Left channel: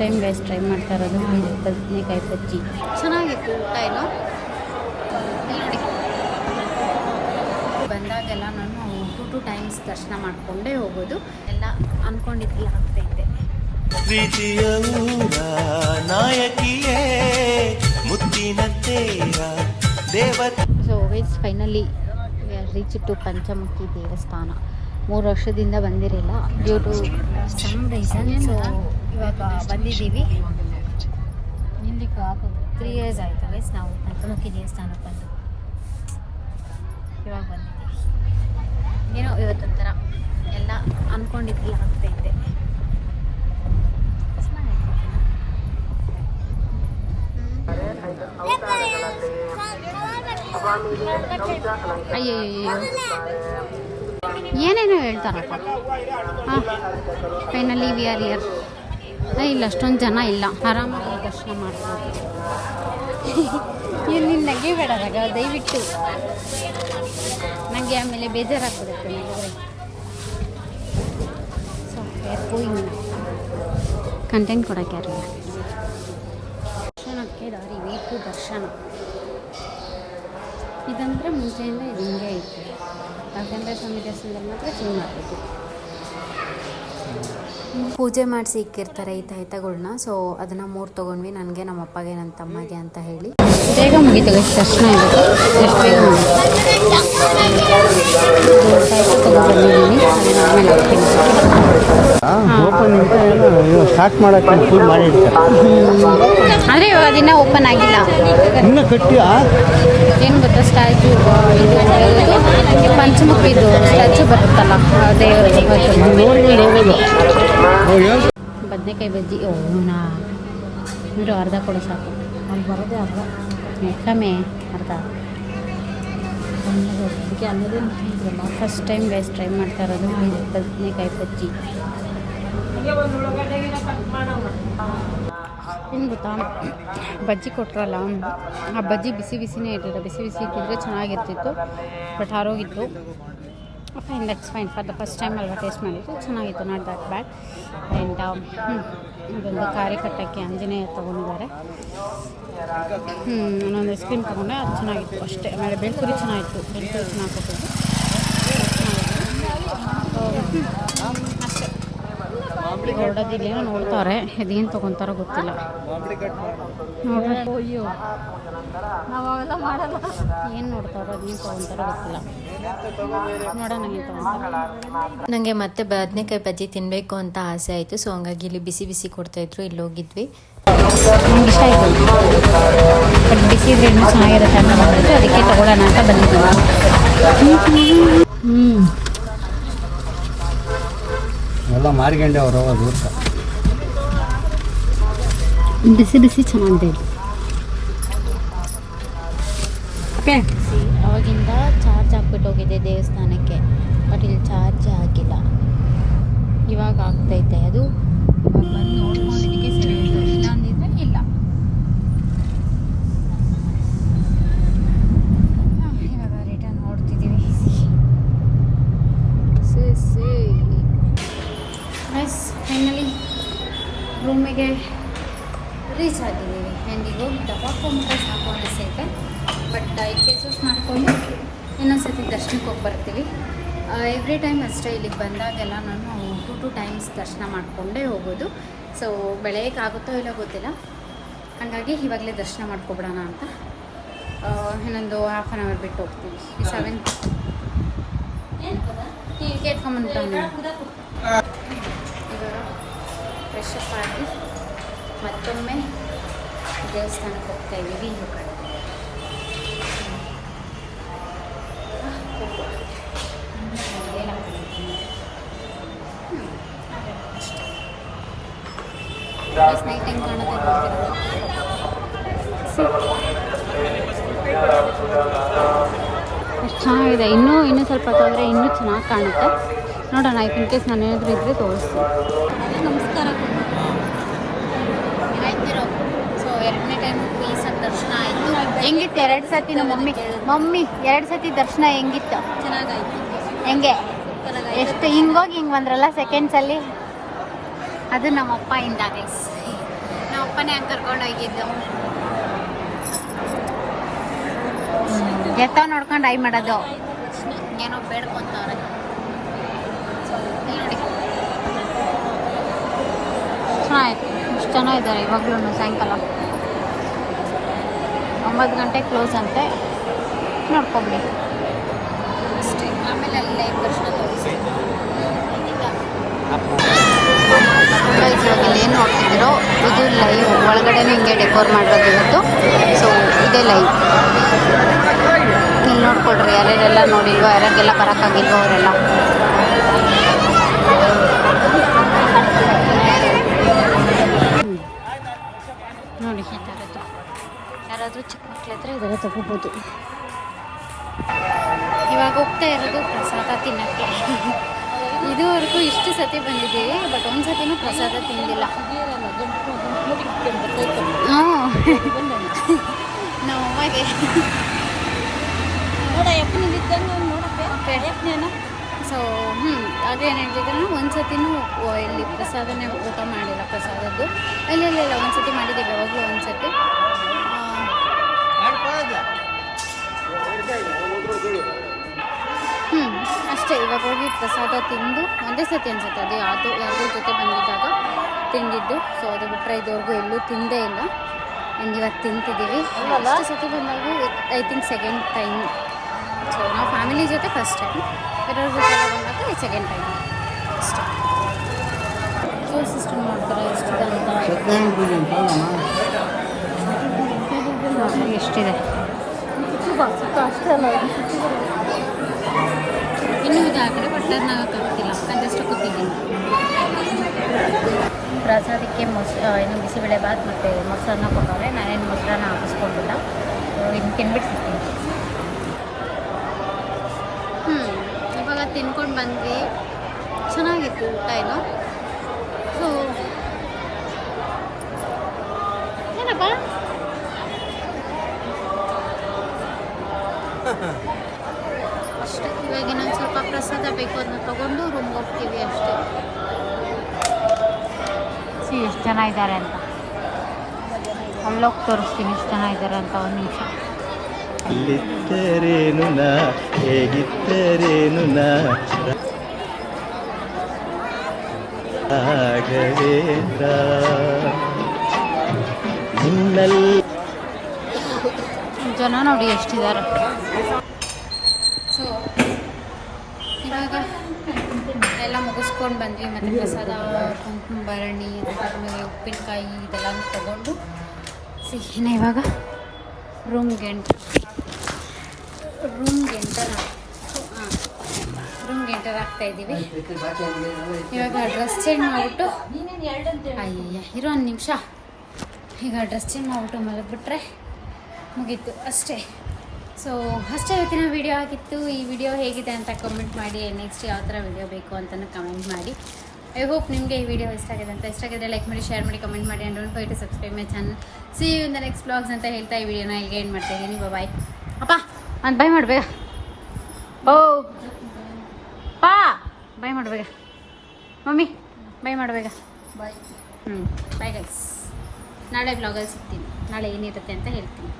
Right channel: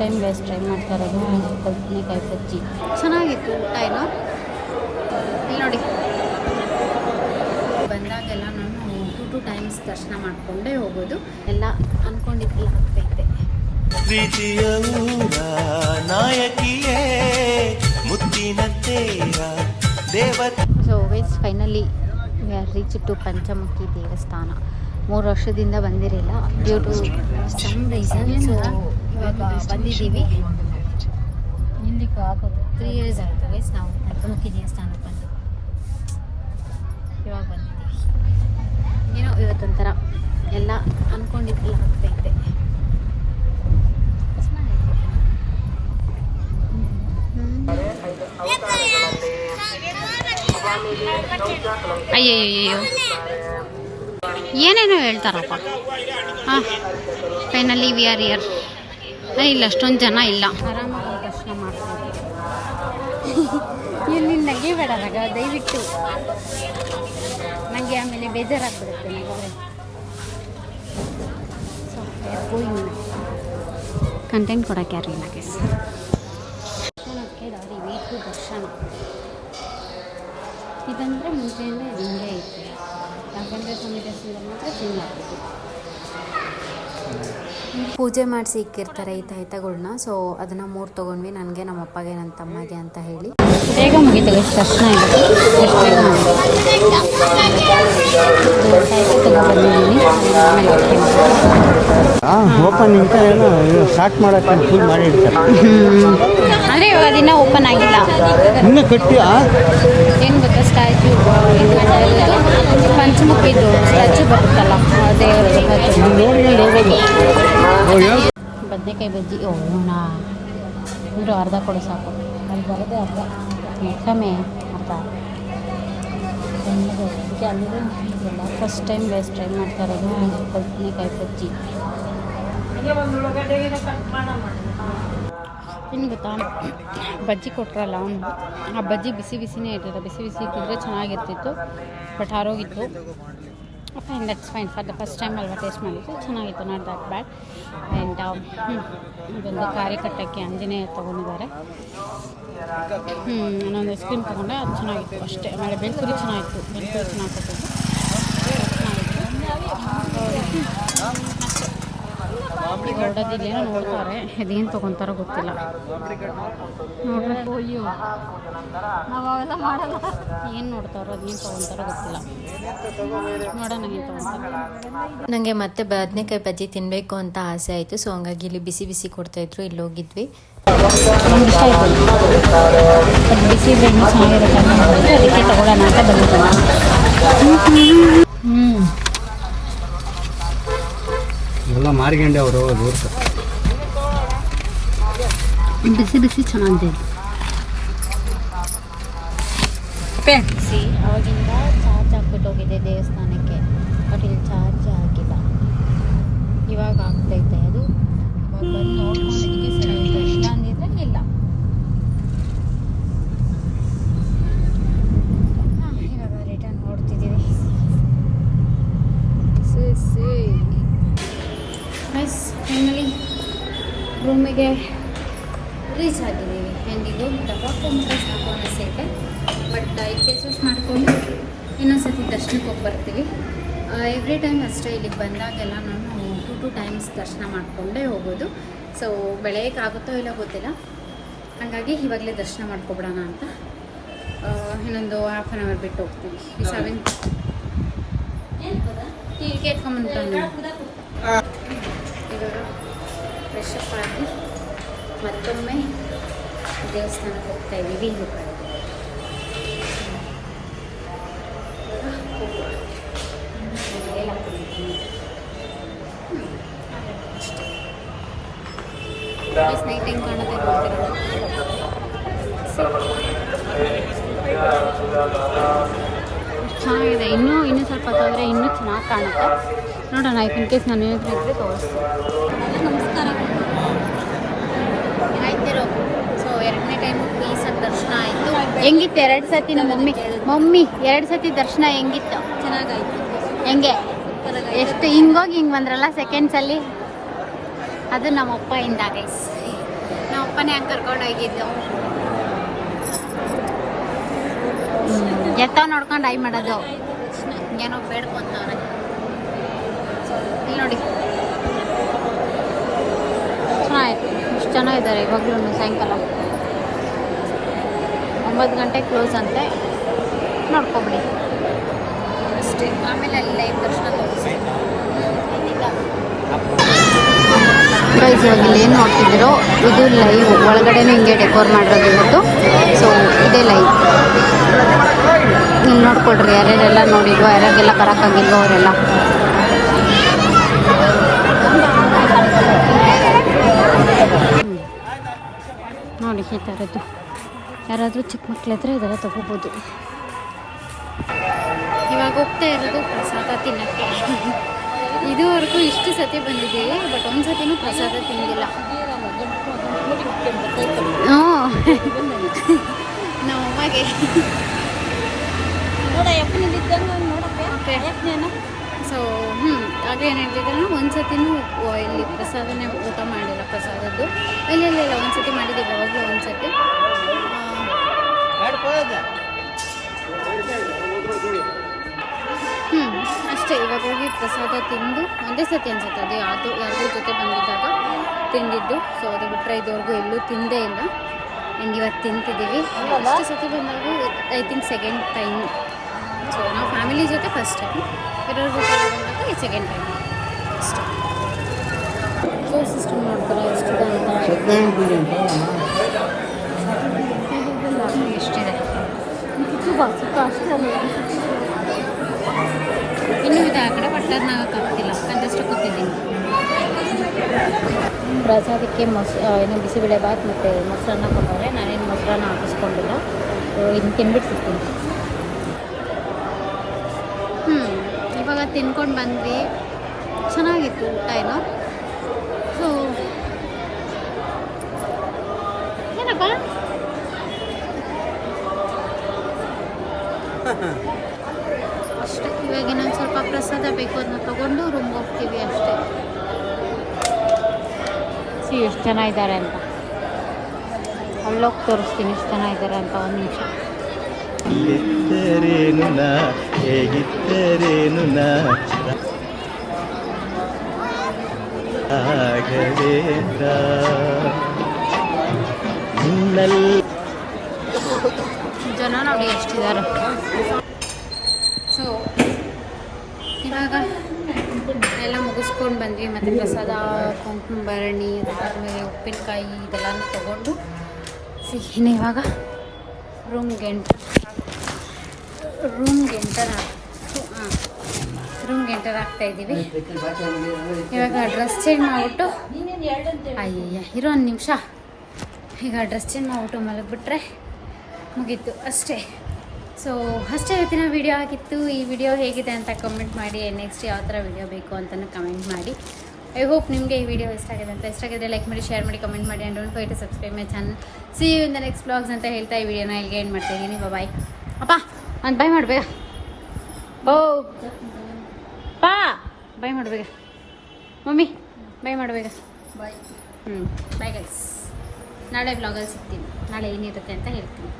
Time guys try ಮಾಡ್ತಾ ಇರೋದು ಬದನೆಕಾಯಿ ಬಜ್ಜಿ. ಚೆನ್ನಾಗಿತ್ತು ಊಟ ಏನೋ. ಇಲ್ಲಿ ನೋಡಿ, ಬಂದಾಗೆಲ್ಲ ನಾನು 2 ಟೈಮ್ಸ್ ದರ್ಶನ ಮಾಡಿಕೊಂಡೇ ಹೋಗೋದು. ಎಲ್ಲ ಅಂದ್ಕೊಂಡಿದ್ದೆಲ್ಲ ಆಗ್ತೈತೆ. ಪ್ರೀತಿಯ ನಾಯಕಿಯೇ ಮುತ್ತಿನ ತೇರ ದೇವತೆ. ಸೊ ಗೈಸ್ ಫೈನಲಿ ರೀಚಿತ್ತು ಪಂಚಮುಖಿ ದೇವಸ್ಥಾನ. 3 ವರ್ಷದಿಂದ ಬಂದಿರಲಿಲ್ಲ due to some reason. So ಇವಾಗ ಬಂದಿದ್ದೀವಿ. ಇಲ್ಲಿಗೆ 3 ಇಯರ್ಸ್ ಆಯಿತು ಗೈಸ್ ನಾವು ಪಂಚಮುಖಿ ದೇವಸ್ಥಾನಕ್ಕೆ ಬಂದು. ಇವಾಗ ಬಂದಿದ್ದೀವಿ. ಏನೋ ಇವತ್ತೊಂಥರ ಎಲ್ಲ ಅಂದ್ಕೊಂಡಿದ್ದೆಲ್ಲ ಆಗ್ತೈತೆ. ಅಯ್ಯಯ್ಯೋ ಏನೇನೋ ಹೇಳ್ತಾರಪ್ಪ. ಹಾಂ ಫೈನಲಿ ವಿ ಆರ್ ಇಯರ್. ಇಲ್ಲ ಅಷ್ಟೊಂದು ಜನ ಇಲ್ಲ, ಆರಾಮಾಗಿ ದರ್ಶನ ಮಾಡ್ಬೋದು. ಇಲ್ಲಿ ನಗೆ ಬೇಡದಾಗ ದಯವಿಟ್ಟು, ನನಗೆ ಆಮೇಲೆ ಬೇಜಾರಾಗ್ಬಿಡುತ್ತೆ ನಗಿದ್ರೆ. ಸೊ ಯಾರು ಗೋಯಿಂಗ್ ಕಂಟೆಂಟ್ ಕೊಡೋಕ್ಕೆ ಯಾರು ಇಲ್ಲ. ದರ್ಶನಕ್ಕೆ ದಾರಿ ಬೇಕು. ದರ್ಶನ ಇದಂದರೆ ಮುಂಚೆಯಿಂದ ಇದು ಹಿಂಗೆ ಐತೆ. ರಾಘವೇಂದ್ರ ಸ್ವಾಮಿ ದರ್ಶನದಲ್ಲಿ ಮಾತ್ರ ಚೇಂಜ್ ಮಾಡಬೇಕು. ಪೂಜೆ ಮಾಡಿಸಿ ಇಕ್ಕಿರ್ತಾರೆ ಈ ತಾಯ್ತಗಳನ್ನ. ಸೊ ಅದನ್ನು 3 ತೊಗೊಂಡ್ವಿ, ನನಗೆ ನಮ್ಮ ಅಪ್ಪಗೆ ನನ್ನ ತಮ್ಮಗೆ ಅಂತ ಹೇಳಿ. ಬೇಗ ಮುಗೀತು ಎಷ್ಟು ದರ್ಶನ ಇರೋದು, ಎಷ್ಟು ಬೇಗ ಮುಗೀತು. ತಾಯ್ತ ತುಂಬ ಬಂದಿದ್ದೀನಿ, ಆಮೇಲೆ ಸ್ಟಾರ್ಟ್ ಮಾಡೋಕ್ಕೆ ಫುಲ್ ಮಾಡಿ ಇಡ್ತಾರೆ. ಅಂದರೆ ಇವಾಗ ದಿನ ಓಪನ್ ಆಗಿಲ್ಲ ಇನ್ನೂ ಕಟ್ಟಿಯಾ ಏನು ಗೊತ್ತಾ, ಸ್ಟ್ಯಾಚು ಪಂಚಮುಖಿದು ಸ್ಟ್ಯಾಚು ಬರುತ್ತಲ್ಲ ದೇವರದ್ದು. ಬದನೆಕಾಯಿ ಬಜ್ಜಿ ನಾ ಇವರು ಅರ್ಧ ಕೊಡು ಸಾಕು. ಕಮ್ಮಿ ಅರ್ಧ. ಫಸ್ಟ್ ಟೈಮ್ ಗೈಸ್ ಟ್ರೈ ಮಾಡ್ತಾ ಇರೋದು ಬದನೆಕಾಯಿ ಬಜ್ಜಿ. ಏನು ಗೊತ್ತಾ, ಬಜ್ಜಿ ಕೊಟ್ರಲ್ಲ, ಆ ಬಜ್ಜಿ ಬಿಸಿ ಬಿಸಿನೇ ಇರ್ತದೆ. ಬಿಸಿ ಬಿಸಿ ಇಟ್ಟಿದ್ರೆ ಚೆನ್ನಾಗಿರ್ತಿತ್ತು, ಬಟ್ ಆರೋಗಿತ್ತು. Fine, that's fine. For the first time ಅಲ್ವಾ ಟೇಸ್ಟ್ ಮಾಡಿದ್ದು, ಚೆನ್ನಾಗಿತ್ತು, ನಾಟ್ ದ್ಯಾಟ್ ಬ್ಯಾಡ್. ಆ್ಯಂಡ್ ಅದೊಂದು ಕಾರ್ಯಕಟ್ಟಕ್ಕೆ ಆಂಜನೇಯ ತೊಗೊಂಡಿದ್ದಾರೆ. ನಾನೊಂದು ಐಸ್ ಕ್ರೀಮ್ ತೊಗೊಂಡೆ, ಅದು ಚೆನ್ನಾಗಿತ್ತು ಅಷ್ಟೇ. ಆಮೇಲೆ ಬೆಳ್ಕುರಿ ಚೆನ್ನಾಗಿತ್ತು, ಬೆಳ್ಕುರಿ ಚೆನ್ನಾಗಿ ಕೊಟ್ಟಿದ್ದು, ಚೆನ್ನಾಗಿತ್ತು ಅಷ್ಟೇ. ಈಗ ಹೊರಡೋದಿಲ್ಲೇನೋ ನೋಡ್ತಾರೆ, ಅದೇನು ತೊಗೊತಾರೋ ಗೊತ್ತಿಲ್ಲ. ನೋಡ್ರಿ, ಅಯ್ಯೋ ನಾವು ಅವೆಲ್ಲ ಮಾಡಲ್ಲ. ಏನು ನೋಡ್ತಾರೋ ಅದೇನು ತೊಗೊತಾರೋ ಗೊತ್ತಿಲ್ಲ, ನೋಡೋಣ ಏನು ತೊಗೊತಾರೆ. ನನಗೆ ಮತ್ತೆ ಬದನೆಕಾಯಿ ಬಜ್ಜಿ ತಿನ್ನಬೇಕು ಅಂತ ಆಸೆ ಆಯಿತು. ಸೊ ಹಂಗಾಗಿ ಇಲ್ಲಿ ಬಿಸಿ ಬಿಸಿ ಕೊಡ್ತಾಯಿದ್ರು, ಇಲ್ಲಿ ಹೋಗಿದ್ವಿ. ನಂಗೆ ಇಷ್ಟ ಆಯಿತು, ಬಟ್ ಬಿಸಿ ಇದ್ರೆ ಇನ್ನೂ ಚೆನ್ನಾಗಿರುತ್ತೆ ಅಂತ ಮಾಡಿದ್ರು, ಅದಕ್ಕೆ ತೊಗೊಳ್ಳೋಣ ಅಂತ ಬಂದಿದ್ದೀನಿ. ಎಲ್ಲ ಮಾರ್ಗಂಡೆ ಅವರು ದೂರ ಬಿಸಿ ಬಿಸಿ ಚೆನ್ನಾಗಿದೆ. ಬಿಸಿ ಅವಾಗಿಂದ ಚಾರ್ಜ್ ಹಾಕ್ಬಿಟ್ಟು ಹೋಗಿದೆ ದೇವಸ್ಥಾನಕ್ಕೆ, ಬಟ್ ಇಲ್ಲಿ ಚಾರ್ಜ್ ಆಗಿಲ್ಲ. ಇವಾಗ ಆಗ್ತೈತೆ ಅದು. ಇವಾಗ ಬಂದು ನೋಡ್ಕೊಂಡಿದ್ದಕ್ಕೆ ಸರಿ ಆಯಿತು, ಇಲ್ಲ ಅಂದಿದ್ರೆ ಇಲ್ಲ. ಇವಾಗ ರಿಟರ್ನ್ ಹೊಡ್ತಿದ್ದೀವಿ. ಗೈಸ್ ಫೈನಲಿ ರೂಮಿಗೆ ರೀಚ್ ಆಗಿದ್ದೀವಿ. ಆ್ಯಂಡ್ ಈಗ ದಬ್ಬಾಕೊಂಡ್ರೆ ಸಾಕು ಅನಿಸೈತೆ, ಬಟ್ 5 ಪ್ಲೇಸಸ್ ಮಾಡಿಕೊಂಡು ಇನ್ನೊಂದ್ಸತಿ ದರ್ಶನಕ್ಕೆ ಹೋಗಿ ಬರ್ತೀವಿ. ಎವ್ರಿ ಟೈಮ್ ಅಷ್ಟೇ ಇಲ್ಲಿಗೆ ಬಂದಾಗೆಲ್ಲ ನಾನು 2 ಟೈಮ್ಸ್ ದರ್ಶನ ಮಾಡಿಕೊಂಡೇ ಹೋಗೋದು. ಸೊ ಬೆಳಗ್ಗೆಗಾಗುತ್ತೋ ಇಲ್ಲ ಗೊತ್ತಿಲ್ಲ, ಹಾಗಾಗಿ ಇವಾಗಲೇ ದರ್ಶನ ಮಾಡ್ಕೊಬಿಡೋಣ ಅಂತ. ಇನ್ನೊಂದು ಹಾಫ್ ಆನ್ ಅವರ್ ಬಿಟ್ಟು ಹೋಗ್ತೀವಿ. 7 ಹೀಗೆ ಎತ್ಕೊಂಡ್ಬಂದ್ಬಿಟ್ಟು ಇವಾಗ ಫ್ರೆಶ್ ಅಪ್ ಆಗಿ ಮತ್ತೊಮ್ಮೆ ದೇವಸ್ಥಾನಕ್ಕೆ ಹೋಗ್ತಾ ಇದ್ದೀವಿ. ಇನ್ನು ಕಡೆ ಅಷ್ಟೇ. ನೈಟ್ ಹೆಂಗೆ ಕಾಣುತ್ತೆ ಗೊತ್ತಿಲ್ಲ. ಎಷ್ಟು ಚೆನ್ನಾಗಿದೆ. ಇನ್ನೂ ಸ್ವಲ್ಪ ಹೊತ್ತಾದರೆ ಇನ್ನೂ ಚೆನ್ನಾಗಿ ಕಾಣುತ್ತೆ. ನೋಡೋಣ, ಇನ್ ಕೇಸ್ ನಾನು ಏನಾದರೂ ಇದ್ದರೆ ತೋರಿಸ್ತೀನಿ. ಆಯ್ತಿರೋ. ಸೊ 2ನೇ ಟೈಮು ಪೀಸಾಗಿ ದರ್ಶನ ಆಯಿತು. ಹೆಂಗಿತ್ತು 2 ಸತಿ? ನಮ್ಮ ಮಮ್ಮಿ 2 ಸತಿ ದರ್ಶನ ಹೆಂಗಿತ್ತು? ಚೆನ್ನಾಗಾಯ್ತು. ಹೆಂಗೆ ಎಷ್ಟು ಹಿಂಗೋಗಿ ಹಿಂಗೆ ಬಂದ್ರಲ್ಲ ಸೆಕೆಂಡ್ಸಲ್ಲಿ, ಅದು ನಮ್ಮಪ್ಪ ಇಂದ ಗೈಸ್. ನಾವು ಅಪ್ಪನೇ ಹಂಗೆ ಕರ್ಕೊಂಡು ಹೋಗಿದ್ದು. ಎತ್ತ ನೋಡ್ಕೊಂಡು ಐ ಮಾಡೋದು ಏನೋ ಬೇಡ್ಕೊಂತವ್ರೆ ಇಲ್ಲಿ ನೋಡಿ. ಚೆನ್ನಾಗಿತ್ತು, ಇಷ್ಟು ಜನ ಇದ್ದಾರೆ ಇವಾಗಲೂ. ಸಾಯಂಕಾಲ 9 ಗಂಟೆ ಕ್ಲೋಸ್ ಅಂತೆ, ನೋಡ್ಕೊಬಿಡಿ ಅಷ್ಟೇ. ಆಮೇಲೆ ಅಲ್ಲಿ ಲೈವ್ ದರ್ಶನ ತೋರಿಸಿ. ಗೈಸ್ ಇವಾಗ ಏನು ನೋಡ್ತಿದ್ರು ಇದು ಲೈವ್, ಒಳಗಡೆನೇ ಹಿಂಗೆ ಡೆಕೋರ್ ಮಾಡಿರೋದು ಇವತ್ತು. ಸೊ ಇದೇ ಲೈವ್, ಇಲ್ಲಿ ನೋಡ್ಕೊಡ್ರಿ ಯಾರ್ಯಾರೆಲ್ಲ ನೋಡಿಲ್ವೋ, ಯಾರ್ಯಾರಿಗೆಲ್ಲ ಬರೋಕ್ಕಾಗಿಲ್ವೋ ಅವರೆಲ್ಲ. ನೋಡಿ ಈ ಥರದ್ದು ಯಾರಾದರೂ ಚಿಕ್ಕ ಮಕ್ಳ ಹತ್ರ ಇದ್ದಾರೆ ತಗೊಬೋದು. ಇವಾಗ ಹೋಗ್ತಾ ಇರೋದು ಪ್ರಸಾದ ತಿನ್ನಕ್ಕೆ. ಇದುವರೆಗೂ ಇಷ್ಟು ಸತಿ ಬಂದಿದ್ದೀವಿ, ಬಟ್ ಒಂದು ಸತಿನೂ ಪ್ರಸಾದ ತಿಂದಿಲ್ಲ. ನಮ್ಮಮ್ಮಗೆ ಸೊ ಹಾಗೆ ಏನು ಹೇಳ್ತಿದ್ರೆ ಒಂದು ಸತಿನೂ ಇಲ್ಲಿ ಪ್ರಸಾದನೇ ಊಟ ಮಾಡಿಲ್ಲ. ಪ್ರಸಾದದ್ದು ಇಲ್ಲ ಒಂದು ಸತಿ ಮಾಡಿದ್ದೀವಿ, ಯಾವಾಗಲೂ ಒಂದು ಸತಿ. ಅಷ್ಟೇ. ಇವಾಗ ಹೋಗಿ ಪ್ರಸಾದ ತಿಂದು ಒಂದೇ ಸತಿ ಅನ್ಸುತ್ತೆ, ಅದು ಯಾರ್ದ್ರ ಜೊತೆ ಬಂದಿದ್ದಾಗ ತಿಂದಿದ್ದು. ಸೊ ಅದು ಬಿಟ್ಟರೆ ಇದುವರೆಗೂ ಎಲ್ಲೂ ತಿಂದೇ ಇಲ್ಲ. ಆ್ಯಂಡ್ ಇವತ್ತು ತಿಂತಿದ್ದೀವಿ. ಅಷ್ಟು ಸತಿ ಬಂದಾಗ I think second time. So ನಾವು ಫ್ಯಾಮಿಲಿ ಜೊತೆ ಫಸ್ಟ್ ಟೈಮ್, ಬೇರೆಯವ್ರ ಜೊತೆ ಬಂದಾಗ ಸೆಕೆಂಡ್ ಟೈಮ್ ಅಷ್ಟೇ. ಸೊ ಸಿಸ್ಟಮ್ ನೋಡ್ತಾರೆ ಎಷ್ಟಿದೆ ಅಂತ. ಇಷ್ಟಿದೆ. ಅಷ್ಟೇ ಅಲ್ಲ, ಇನ್ನೂ ಇದು ಆ ಕಡೆ ಬಟ್ಟರ್ನ ಹಾಕ್ತಿಲ್ಲ, ಕಂಜಸ್ಟ್ ಕೂತಿದ್ದೀನಿ. ಪ್ರಸಾದಕ್ಕೆ ಏನು ಬಿಸಿಬೇಳೆ ಬಾತ್ ಮತ್ತು ಮೊಸರನ್ನ ಕೊಟ್ಟವ್ರೆ. ನಾನೇನು ಮೊಸರನ್ನ ಹಾಕಿಸ್ಕೊಂಡಿಲ್ಲ, ಇನ್ನು ತಿನ್ಬಿಟ್ಟು ಸಿಗ್ತೀನಿ. ಇವಾಗ ತಿನ್ಕೊಂಡು ಬಂದ್ವಿ, ಚೆನ್ನಾಗಿತ್ತು ಊಟ ಏನು. ಸೊ ಏನಪ್ಪ ಅಷ್ಟೇ. ಇವಾಗ ಇನ್ನೊಂದು ಸ್ವಲ್ಪ ಪ್ರಸಾದ ಬೇಕು, ಅದನ್ನ ತೊಗೊಂಡು ರೂಮ್ಗೆ ಹೋಗ್ತೀವಿ ಅಷ್ಟೇ. ಎಷ್ಟು ಜನ ಇದ್ದಾರೆ ಅಂತ ಅಲ್ಲೋಗಿ ತೋರಿಸ್ತೀನಿ, ಎಷ್ಟು ಜನ ಇದ್ದಾರೆ ಅಂತ. ಒಂದು ನಿಮಿಷ. ಹೇಗಿದ್ದರೇನು ನಾ ಹೇಗಿದ್ದರೇನು ನಾ ರಾಘವೇಂದ್ರ ನಿನ್ನಲ್ಲಿ ಜನ ನೋಡಿ ಎಷ್ಟಿದ್ದಾರೆ. ಸೊ ಇವಾಗ ಎಲ್ಲ ಮುಗಿಸ್ಕೊಂಡು ಬಂದ್ವಿ. ಮತ್ತು ಪ್ರಸಾದ, ಕುಂಕುಮ ಭರಣಿ, ಅದಾದಮೇಲೆ ಉಪ್ಪಿನಕಾಯಿ ಇದೆಲ್ಲನೂ ತೊಗೊಂಡು ಸಿಹಿನ ಇವಾಗ ರೂಮ್ಗೆ ಎಂಟರ್ ಆಗ್ತಾಯಿದ್ದೀವಿ. ಇವಾಗ ಡ್ರೆಸ್ ಚೇಂಜ್ ಮಾಡಿಬಿಟ್ಟು ಇರೋ ಒಂದು ನಿಮಿಷ. ಈಗ ಡ್ರೆಸ್ ಚೇಂಜ್ ಮಾಡಿಬಿಟ್ಟು ಮಲಗಿಬಿಟ್ರೆ ಮುಗೀತು ಅಷ್ಟೇ. ಸೊ ಅಷ್ಟೇ ಇವತ್ತಿನ ವಿಡಿಯೋ ಆಗಿತ್ತು. ಈ ವಿಡಿಯೋ ಹೇಗಿದೆ ಅಂತ ಕಮೆಂಟ್ ಮಾಡಿ. ನೆಕ್ಸ್ಟ್ ಯಾವ ಥರ ವಿಡಿಯೋ ಬೇಕು ಅಂತಲೂ ಕಮೆಂಟ್ ಮಾಡಿ. ಐ ಹೋಪ್ ನಿಮಗೆ ಈ ವಿಡಿಯೋ ಇಷ್ಟ ಆಗಿದೆ ಅಂತ. ಇಷ್ಟ ಆಗಿದ್ರೆ ಲೈಕ್ ಮಾಡಿ, ಶೇರ್ ಮಾಡಿ, ಕಮೆಂಟ್ ಮಾಡಿ. And don't forget to subscribe my channel. See you in the next vlogs ಅಂತ ಹೇಳ್ತಾ ಈ ವಿಡಿಯೋನ ಇಲ್ಲಿಗೆ ಎಂಡ್ ಮಾಡ್ತಾಯಿದ್ದೀನಿ. ಬಾಯ್. ಅಪ್ಪ ನಾನು ಬೈ ಮಾಡಬೇಕ. ಪಾ ಬೈ ಮಾಡಬೇಕ. ಮಮ್ಮಿ ಬೈ ಮಾಡಬೇಕ. ಬಾಯ್. Bye guys. ನಾಳೆ ವ್ಲಾಗಲ್ಲಿ ಸಿಗ್ತೀನಿ. ನಾಳೆ ಏನಿರುತ್ತೆ ಅಂತ ಹೇಳ್ತೀನಿ.